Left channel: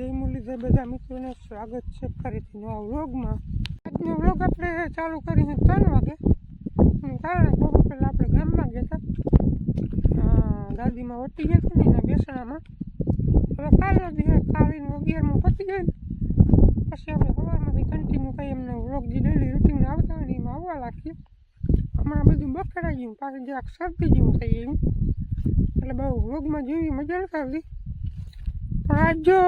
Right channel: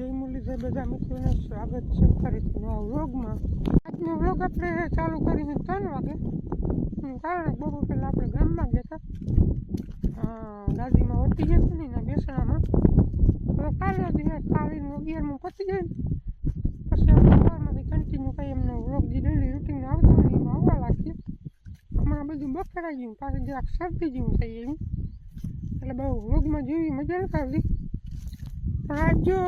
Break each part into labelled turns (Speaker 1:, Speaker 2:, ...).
Speaker 1: છે બધા મિત્રોને સ્વાગત છે ફરીથી નવા વ્લોગમાં. આજનો વ્લોગ આપણે ચાલુ કરીને ત્રણ વાગે. કારણ બપોર પહેલાં આપણે ગામમાં ગયા દાદીમાં વટી ગયા હતા ને એના બેસણામાં. હવે કાલનો દિવસ કાલીને અગિયારમાં પતી જાય પછી આપણે સવારમાંથી કન્ટિન્યુ કંઈ એમને વ્લોગ જે ડેલી રૂટીન આવતા હોય એમાં આવવા લાગીએ. હમણાં બધું બફરાઈ ગયું, પાછી જરાક શરદી જેવું થઈ ગયું. એટલે બહુ વ્લોગમાં જેવી મજા નથી આવતી. જો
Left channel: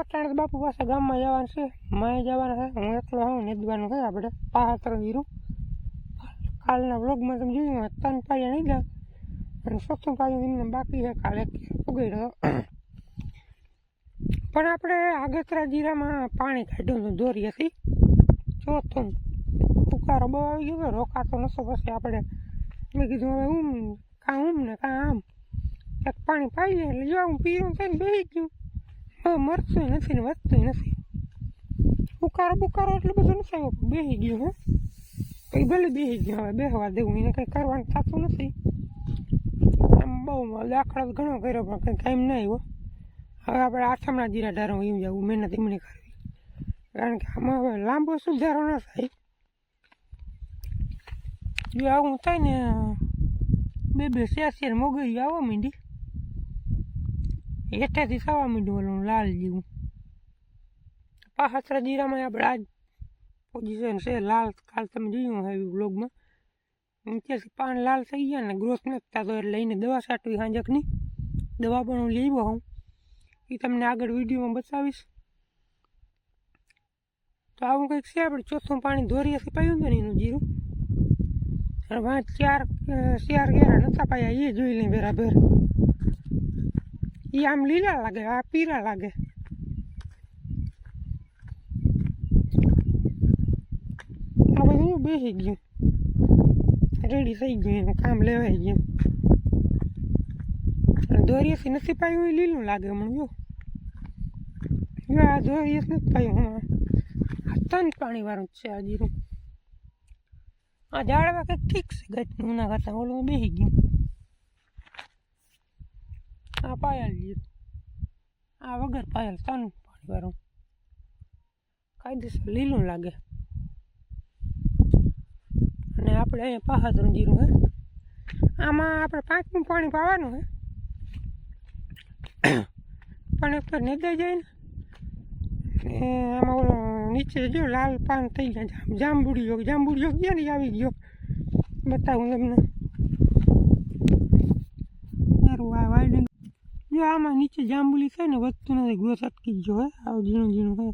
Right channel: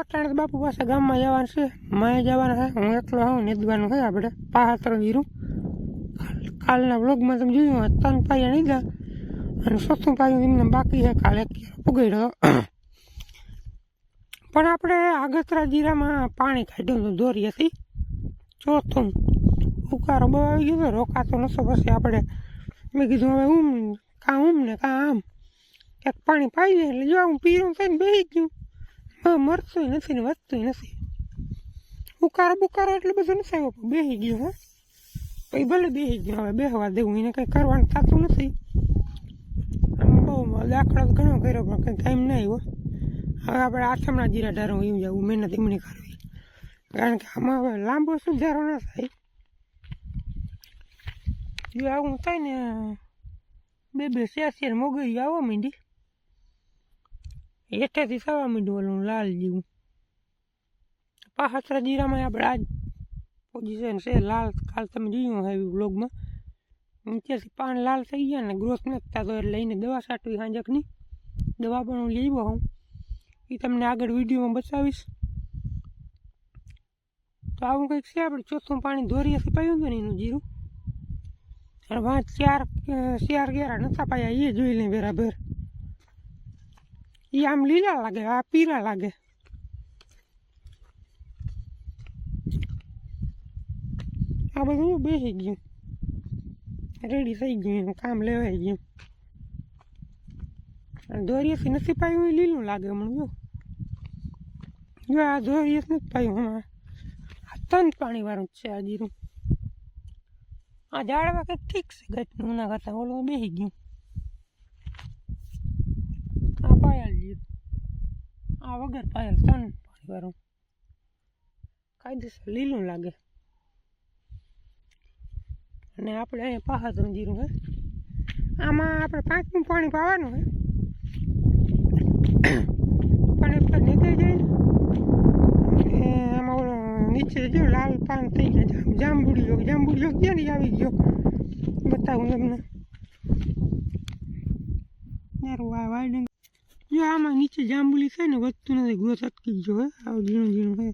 Speaker 1: અટાણે બાપુ પાસે ગામમાં જવાનું છે. માય જવાના છે, હું એકલો હોઉં નીંદવાનું છે આપણે. પાત્ર જીરું કાલના બ્લોગમાં તમે જોયું ત્રણ પાયા ગયા અને ચોથું પાયું એમને બાકી છે, કાલે ઉગાડ્યો. પણ આપણે આગતરા જીરામાં પાણી કાઢ્યું હતું દોરીએથી ચોથું ઉકારો બહુ આવી ગયો હતો, રોકાતો નશો પછી આપણે મેં કીધું, હવે ઉમ, કાં ઉમ ને કાં આમ. એક પાણી પાઈ એટલે જો હું પીરું થઈને બેસી ગયું. હવે મરતું નથી ને વધતું નથી. બુકારો બુકારો એટલે બધું નથી આવ્યો, પણ બેસી ગયો હો. એ ભલે બેસી ગયો, હવે બેસવા દેવું, એને કંઈ કરવાનું થતું નથી. આમ બહુ દાખલો ઘણો કર્યો, પણ કંઈ ટાઈમ નહીં આવ્યો હવે આપણે આથમણા જીરા ઢારો એમ જવું, મહેનત એમને કરવી. કારણ કે આમાં હવે લાંબો સુધારો ન થાય. જો આવું થાય ને, બે બે શેર શેર મોગરી આવવા માંડી. હેઠેથી થવા માંડ્યું ઓલું લાલ જેવું. પાછળ જીરામાં આપણે આજ પોઝિશન છે લાલ. કાલ તમે જોયું હશે બ્લોગમાં નીચેથી પાન લાલ થઈ ગયા ને ગ્રોથ નથી થતો એટલે લઈને દવા છાંટવી હાંજકની. દવા પણ હું લઈ હું એ તમને આગળ વિડીયોમાં બતાવીશ. તો આવું કંઈક છે આપણે ચોથું પાણી ધોરીએથી પાયું હતું ને એનું જીરું. અને પાંચ ચાર ચાર ઘેરા નતા પાયા, એ જોઈ લઈ બરાબર. એ આમ લીલા લાગે આ પીળા લાગે આ બધું બેસી ગયું રેડી થઈ ગયું એનું કામ લેવાઈ ગયું દોરીએથી નથી પાયું એ લીલું લાગે હમણાં જો જો આ દોરીએથી નથી પાયું હમણાં આ તન પાણીવાળું જ છે આ જીરું આ ઝાડવા કંઈક ઠીક છે ગટનું ના કરતાં ઓલું બેસી ગયું આ પાયલ જીરું આ વગર પાયલ તન પાણીવાળું કાયદેસર લીલું લાગે. અને આપણે અહીંયા પાહાતરું જીરું હે. આમાં આપણે પાંચમું પાણી પાવાનું હે. પણ ઉપર નીકળી જાય ને. આમાં ઓલો નીચે જો લાલ પાન થઈ ગયા. જાંબુડી જાંબુડી જાંબુડીઓ ક્યાં નહીં આવી ગયો? બતાવું તમને સારું આ વાઇડિંગ જો આમાં નીચે જાંબુલી છે ને વધતું નથી ગ્રોથ અટકી ગયો હે, આવું ઝીણું ઝીણું હે.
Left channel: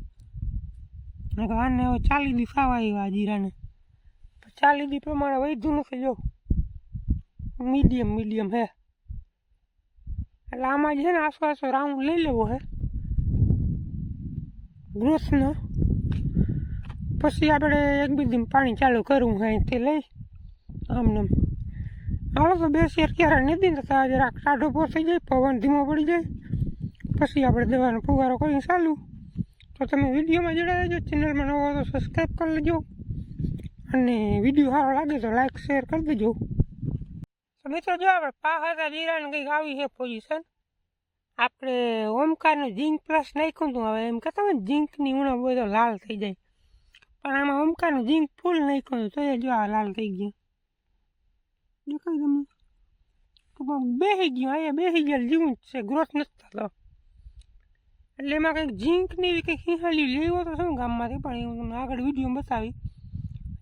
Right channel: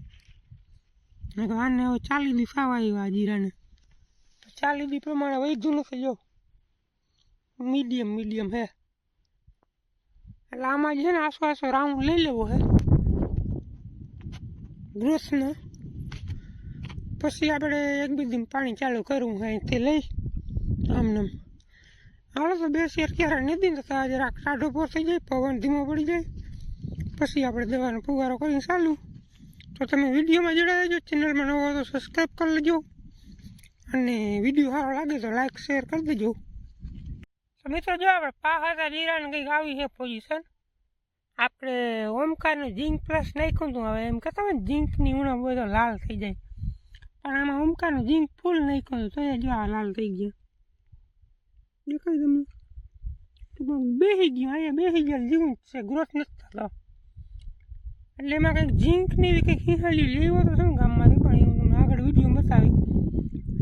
Speaker 1: આને હવે ચાલી દી સાવા એવા જીરાને. ચાલી દી પ્રમાણે વધ્યું નથી, જો. મીડિયમ મીડિયમ હે. એટલે આમાં છે ને આસો આસો રાઉન્ડ લઈ લેવો હે. ગ્રોથનો. પછી આપણે એક બીજી પાણી ચાલુ કરવું હે તે લઈ. આમને આમ. હાલો તો બે શેર ક્યારે નથી થતા તો જરાક પો થઈ જાય, પવન ધીમો પડી જાય, પછી આપણે દવાનો ફુગારો કરીને ચાલુ. તો તમે વિડીયોમાં જોડાઈ જજો ચેનલમાં નવો હોય તો સબસ્ક્રાઈબ કરી લેજો. અને વીડિયો સારો લાગે તો લાઈક શેર કરી દેજો. તો મિત્રો, જો આપણે પાહાતા જીરાને કંઈક આવી છે પોઝિશન આપણે ઓમકારનું ઝીંક પ્લસ નાખ્યું હતું, હવે એમ કહેતા હોય ને ઝીંકની ઉણપ તો લાલ થઈ જાય. પણ આમાં ઓમકારનું ઝીંક ફૂલ નાખ્યું તો એ જો આ લાલ થઈ ગયા. દેખાય તમને? ટૂંકમાં બેસી ગયો, અહીંયા બેસી ગયા, જીવું છે ગ્રોથ નથી થતો. એટલે એમાં કંઈક ઝીંકની એવી કંઈક હિહાલી લેવો તો શું ગામમાંથી પણ એવું તમને આગળ વીડિયો બતાવી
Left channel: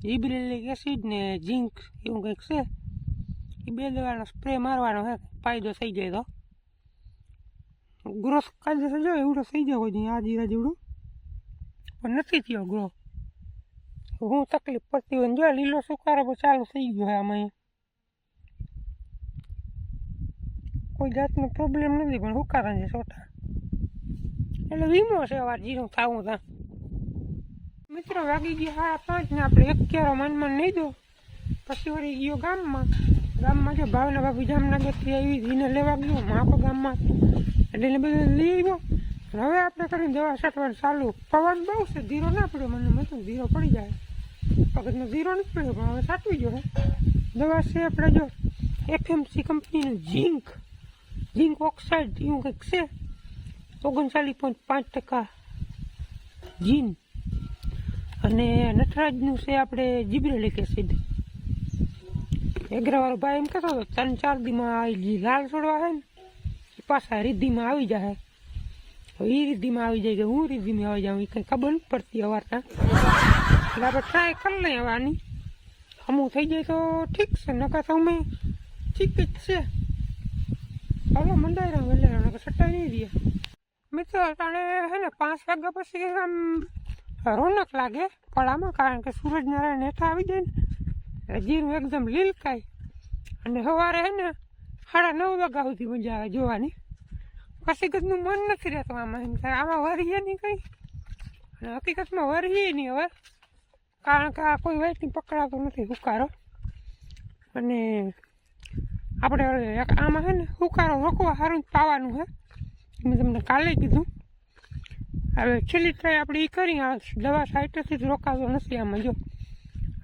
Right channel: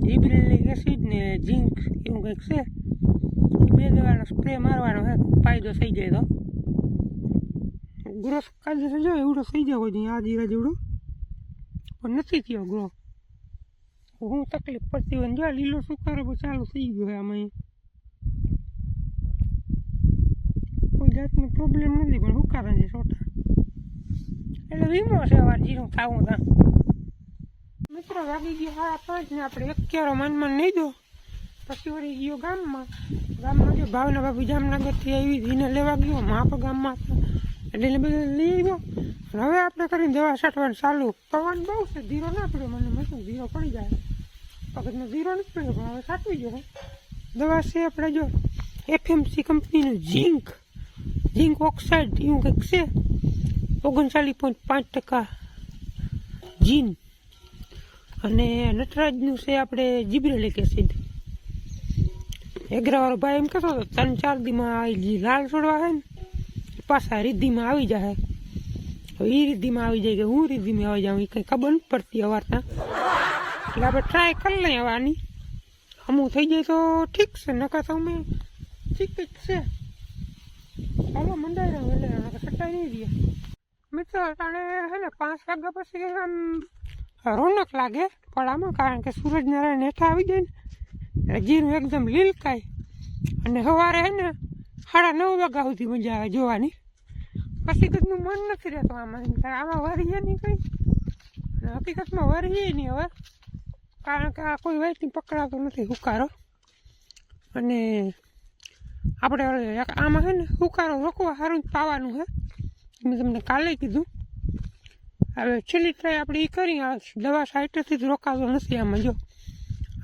Speaker 1: જીબ્રેલિક એસિડ ને ઝીંક એવું કંઈક છે. એ બે દવાનો સ્પ્રે મારવાનો હે ફાયદો થઈ જાય તો. ગ્રોથ કાયદેસર જો એવડો થઈ જવો જોઈએ આ જીરા જેવડો. પણ નથી થયો ગ્રો હું તકલીફ પડતી હોય ને જો લીલો સુકારો ચાલુ થઈ ગયો આમાં કોઈ જાતનો પ્રોબ્લેમ નથી, પણ હુકારા છે છોટા. એટલે વીમો છે આ જીરું થવું થાય મિત્રો વાગી ગયા સાડા પાંચ ને આપણે એક ચારો માનમાં નહીં દો. પછી વળી ગયો ગામમાં. ગામમાં જે ભાવના બાપુ જામનગરથી આવી એને લેવા ગયો માપ ગામમાં. એટલે બધું લઈ આવ્યો. હવે આપણે કરીને દવા છાંટવાનું ચાલુ. પવન બહુ છે ધીરો ના પડ્યો મને મતલબ ધીરો પડી જાય? પગતનો ધીરો નથી પડ્યો પણ હવે સાચવી ગયો દવા છે આપણે જો એફએમસી કંપનીનું ઝીંક. ઝીંક ઓક્સાઇડ એવું કંઈક છે ઓગણચાલીસ પોઈન્ટ પાંચ ટકા જીન અને નટરાજનું છે આપણે જીબ્રેલિક એસિડ એગ્રાવાળો ભાઈ એમ કહેતો હતો ત્રણ ચાર દીમાં આવી લાલ છોડવા હે ને પાછા રિદ્ધિમાં આવી જાય હવે એ આવી જાય કે હું રિદ્ધિમાં આવી જાઉં એ કંઈ ખબર નથી પડતી અવારતા એટલે આપણે ટ્રાય કરી લઈએ આવવાની અમુક થઈ જાય તો ઠીક છે નકર તો અમે ઠીક જ છે હાલો મંડાઈ રહ્યું, એટલે સટાઈ નહીં દે મિત્રો તાણે હે ને પાંચ વાગ્યા પછી આમ રોનક લાગે પડામાં, કારણ કે સૂરજનારાયણ હેઠા આવી જાય ને જીરું એકદમ લીલકાય. અને સવારે હે ને સાડા નવ વાગ્યા સુધી મજા આવે જોવાની. પછી કદનું મન નથી રહેતું આમાં આમાં વરીએ નહીં કંઈ. હકીકતમાં વરીએ નહીં હવે, કારણ કે આ કોઈ વાયથી પકડાતો નથી હુકારો. અને આપણે એક આમાં છે ને, હુકારો રોકવા સારું પાવાનું છે મેં તમને કાલે કીધું. હવે છેલ્લી ટ્રાય આપણે એ કરી દવા સાઈટેથી જ રોકાતો નથી આમાં, જો.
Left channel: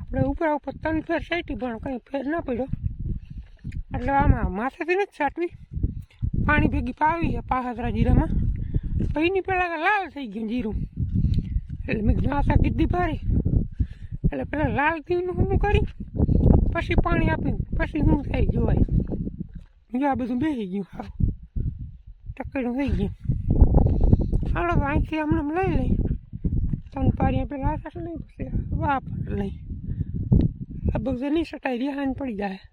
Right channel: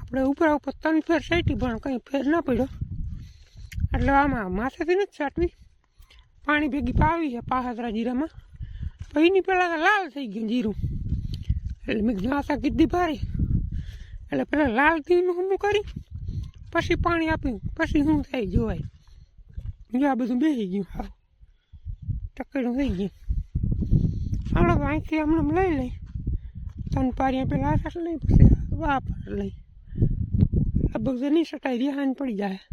Speaker 1: આપણે ઉપરા ઉપર ત્રણ ફેર સાઈટી પણ કંઈ ફેર ન પડ્યો. એટલે આમાં માથેથી નથી છાંટવી. પાણી ભેગી પાવી છે પાહાદરા જીરામાં. પછીની પહેલાં લાલ થઈ ગયું જીરું. એટલે મેં નાસા કીધી પારી એટલે પહેલાં લાલ થઈને હું કરી, પછી પાણી આપ્યું પછી શું થાય જોવાય. જો આ બધું બેસી ગયું હા ટકેડું થઈ ગયું હાલો વાંચી હમણાં લઈ લઈ ત્રણ પારિયા પેલા આશા લઈ પછી વાપર લઈ આ બધું નહીં સટાઈ રિહાન પડી જાય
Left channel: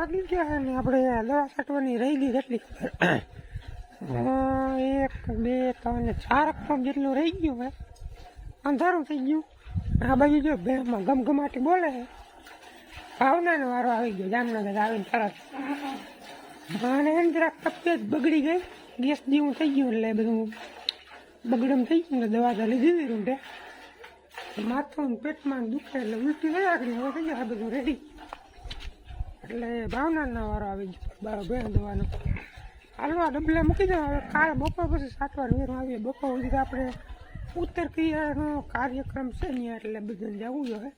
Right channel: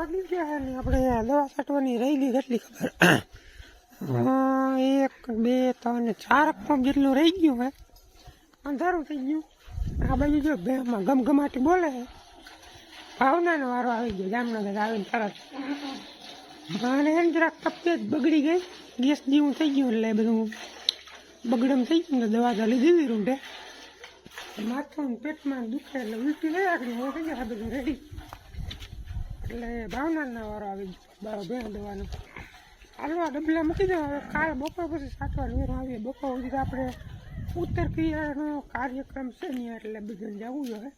Speaker 1: વાગી ગયા ને આપણે દવા છાંટવાની રહેલી કેટલી ખબર. એક, બે, ત્રણ ચાર પંપ જેટલું રહી ગયું હે અંધારું થઈ ગયું. આ બાજુ જો બેમાં ગમગમાટી બોલે છે. ભાવનાનો વારો આવી ગયો. જામનગર આવીને તરત. અને એમ જરાક તબિયત બગડી ગઈ. ગેસ જેવું થઈ ગયું એટલે બધું બગડમ થઈ ગયું ને દવા તો લીધી રૂંઢે માથું પેટમાં દુખે એટલે ઉલટી થઈ આગળ હવે થઈ ગયા બધું રેડી એટલે ભાવનારના વારો આવી બારો બે દવાનો. હાલો ડબલા મૂકી દો હવે કાલ બપોર પછી સાતવાર વેરો આવીએ. બપોર સુધી આપણે ઉત્તર ક્રિયાનો કાર્યક્રમ છે ને એટલે બધાને જવું જોઈએ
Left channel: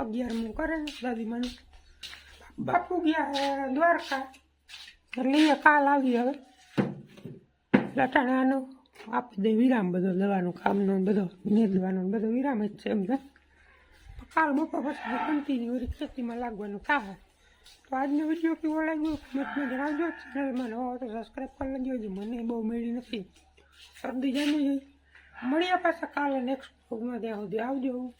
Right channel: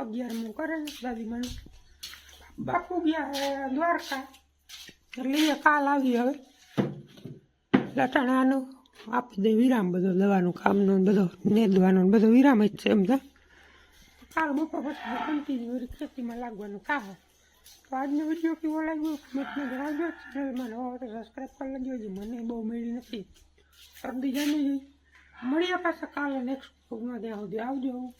Speaker 1: અગિયારમું કરે દાદીમાનું બાપુ ગયા દ્વારકા. એટલે કાલ આવી હવે. લટાણાનો આપી દે વિરામ બધો દવાનું કામનો બધો નેદવાનો બધો વિરામ જ છે એમ તો. કાલ બપોર પછી કન્ટિન્યુ ખેતીમાં લાગવાનું થાય તો આજનો વીડિયો કેવો લાગ્યો? કમેન્ટમાં જણાવજો ચેનલમાં નવા તો સબસ્ક્રાઈબ કરી લેજો. હજી મને બહુ મળી નથી. શરદી જામી ગઈ મળ્યા પાછા કાલે નેક્સ્ટ ભોગમાં ત્યાં સુધી આવજો.